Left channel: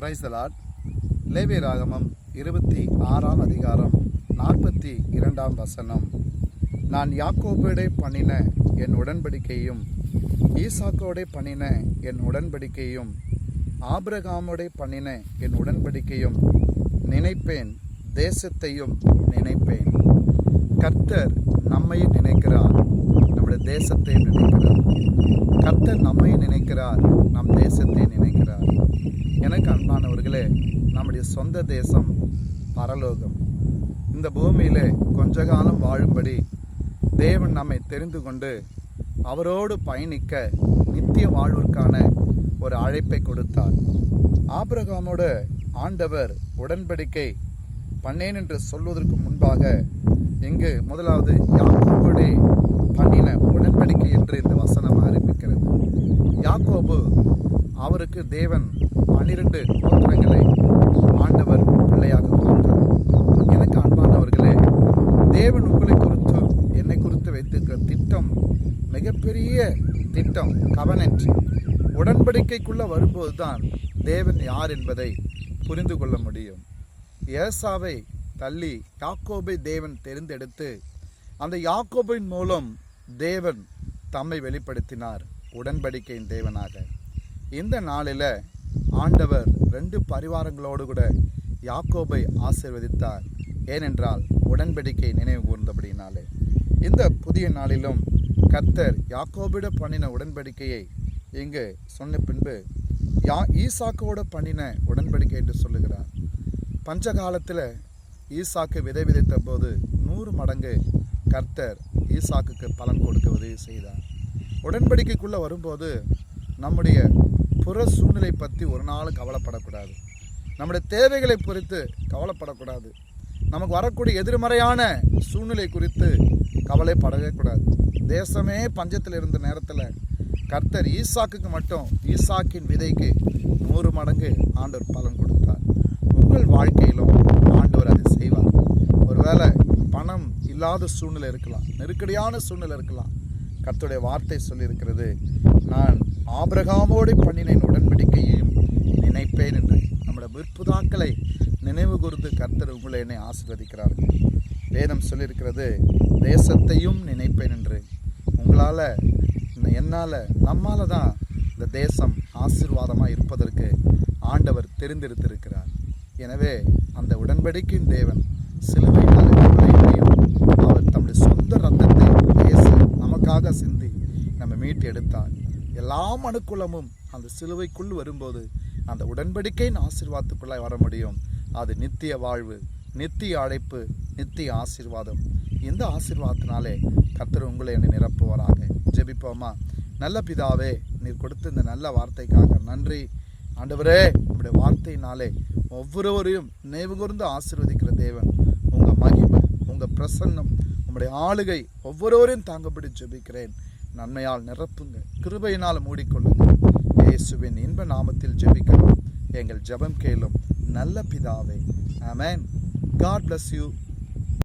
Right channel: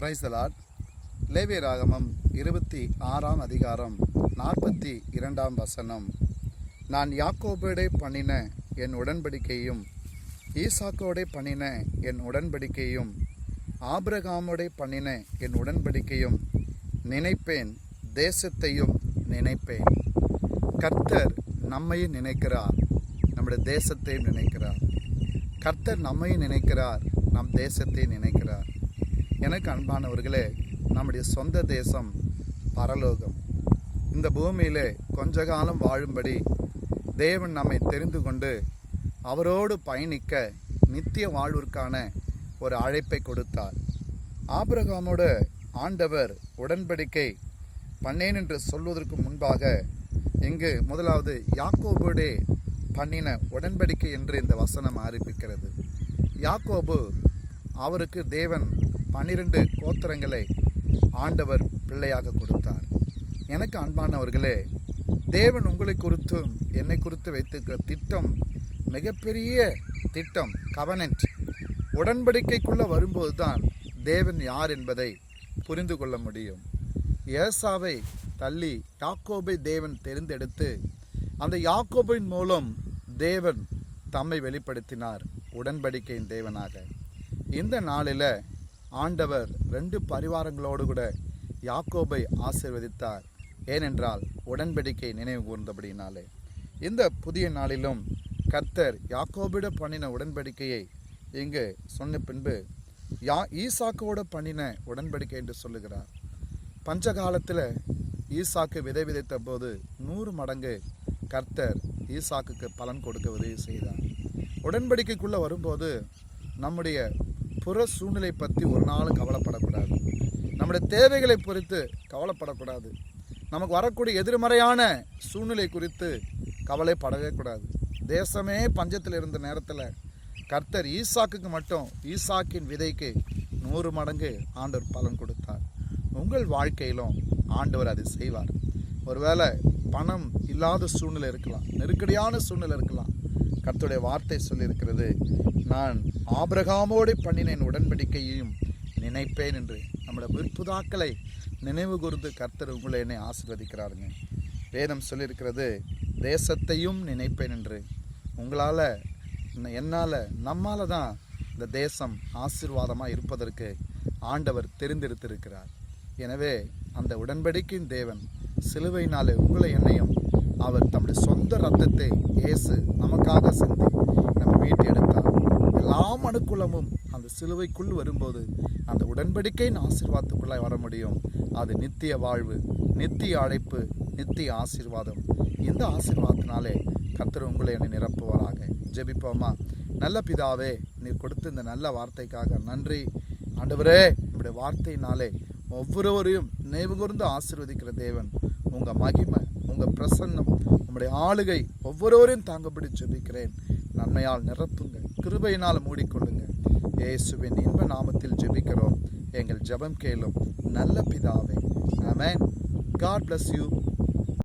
Praise the Lord. லேவியராகமம் 26ஆம் அதிகாரம் 42ஆம் வசனம். நான் யாக்கோபோடே பண்ணின என் உடன்படிக்கையும் ஈசாக்கோடே பண்ணின என் உடன்படிக்கையும் ஆபிரகாமோடே பண்ணின என் உடன்படிக்கையும் நினைப்பேன், தேசத்தையும் நினைப்பேன். கர்த்தர் நம்மையும் நினைக்கிறார், நம்முடைய தேசத்தையும் நினைக்கிறார். கர்த்தர் நம்மையும் நினைக்கிறார், நம் தேசத்தையும் நினைக்கிறார். எனக்கு அன்பானவர்களே, நம்முடைய சொந்த தேசம் பரலோகம். இந்த பூமியிலே கொஞ்ச காலம் வாழும்படி தேவன் நம்மை தெரிந்து கொண்டு அவரோடு பயணிக்க நித்திய வாழ்விற்கான ஒரு அழைப்பை கொடுத்தார். ஆபிரகாமோடு ஆண்டவர் உடன்படிக்கை பண்ணேன் என்று சொல்வதற்கு முன்பாக இங்கு முதலாவது யாக்கோபோடே பண்ணின உடன்படிக்கை என்று இந்த வசனம் ஆரம்பிக்கிறது. யாக்கோபு, அவருக்கு தேவன் 12 கோத்திரங்களை ஆண்டவர் பிள்ளையாக கொடுத்தார். எனக்கு அன்பானவர்களே, தேவன் உங்களை குறித்து என்னை குறித்து வைத்திருக்கிற திட்டம் மிகப்பெரிய திட்டம். கவனன்ட் உடன்படிக்கைக்குள்ள வரும்போது தான் தேவன் யார் என்பதை புரிந்து கொள்ள முடியும். ஏசாவை தள்ளி யாக்கோபை தேவன் தெரிந்தெடுத்து அந்த யாக்கோபின் மூலம் தேவன் தம்மை வெளிப்படுத்தினார் உடன்படிக்கையின் தேவனாக. இந்த நாளில் ஆண்டவர் 2 பரிவாரங்களோடு கூட யாக்கோபை ஆசீர்வதித்தார். ஏனென்றால் உடன்படிக்கை நினைவு கூர்ந்தபடினாலே. இந்த புதிய நாளிலும் கர்த்தர் யாக்கோபிட பண்ணின உடன்படிக்கையை இங்கு சொன்ன பின்பு ஈசாக்கோட பண்ணின உடன்படிக்கை என்று சொல்லுகிறார். பஞ்சகாலத்தில் ஈசாக்கு விதை விதைத்த போது 100 மடங்கு கர்த்தர் ஈசாக்குக்கு பலன் கொடுக்க உதவி செய்தார். உடன்படிக்கைக்குள்ளே வரும்போது நம்முடைய புற சூழ்நிலை பற்றி ஒரு நாளும் கவலைப்படக்கூடாது. நம்முடைய தேவைகளை குறித்து கவலைப்படக்கூடாது. நமக்கு வரக்கூடிய எதிர்மறையான சூழ்நிலை குறித்து கவலைப்படவே கூடாது. தேசமே பஞ்சத்தில் இருந்த நேரத்தில் கர்த்தர் ஈசாக்குக்கு மட்டும் ஈசாக்கின் விதைக்கு 100 மடங்கு ஆண்டவர் பலன் கொடுத்தார். உங்கள் வாழ்க்கையிலும் ஆண்டவர் அதை செய்வார். ஒருவேளை பணம் இல்லாத சூழ்நிலை இருக்கலாம், நெருக்கடியான சூழ்நிலை இருக்கலாம். கர்த்தருடைய வார்த்தை சொல்லியிருக்கிறது, நான் ஆபிரகாமோடு பண்ணினேன் உடன்படிக்கையையும் நினைப்பேன் என்று. நம்முடைய விற்புதாக்களை நினைவு கூர்ந்து கர்த்தர் உங்களை என்னை ஆசீர்வதிக்கிறார்கள். வேதம் சொல்லியிருக்கிறது, தேசத்தையும் நினைப்பேன் என்று. உங்களால், என்னால், நம்மால தான் இந்த தேசம் ஆசீர்வாதமாக இருப்பதற்கு ஆண்டவர் தெரிந்தெடுத்திருக்கிறார். எனவே அந்த உடன்படிக்கையின் தேவன் சிலுவையினால் உங்களை என்னையும் அவர் தம்முடைய சொந்த ரத்தத்தை இயேசு நமக்காக சிந்தி நம்ம மீட்டு எடுத்தார். எல்லா அனுகூலமும் அந்த சிலுவைக்குள் வரும்போது அந்த உடன்படிக்கையின் ஆசீர்வாதத்துக்குள்ளாய் வர முடியும். அது நித்திய வாழ்வு, நித்திய அழைப்பு, நித்திய ஆசீர்வாதம். இந்த ஆசீர்வாதத்தினாலே கர்த்தர் உங்களை என்னை நிரப்புவாராக. ஜெபிப்போமா. நல்ல பிதாவே, நீர் கொடுத்த இந்த நல்ல வார்த்தைக்காக நன்றி. ஆண்டவரே, உங்களுடைய வார்த்தையினாலே ஒவ்வொருவரையும் நினைவு கூர்ந்து ஆசீர்வதிக்கிற தேவன். உங்கள் மகிமை, உங்கள் பிரசன்னம், உங்களுடைய ஆளுகை ஒவ்வொருவரையும் தாங்கப்படி ஜெபிக்கிறேன். நன்மையால் நிரப்புங்க, கிருபையினால் மூடிக்கொள்ளுங்க. இயேசுவின் இன்ப நாமத்தில் ஜெபிக்கிறோம். எங்கள் ஜெபம் கேளும் நல்ல பிதாவே. ஆமென். God bless you.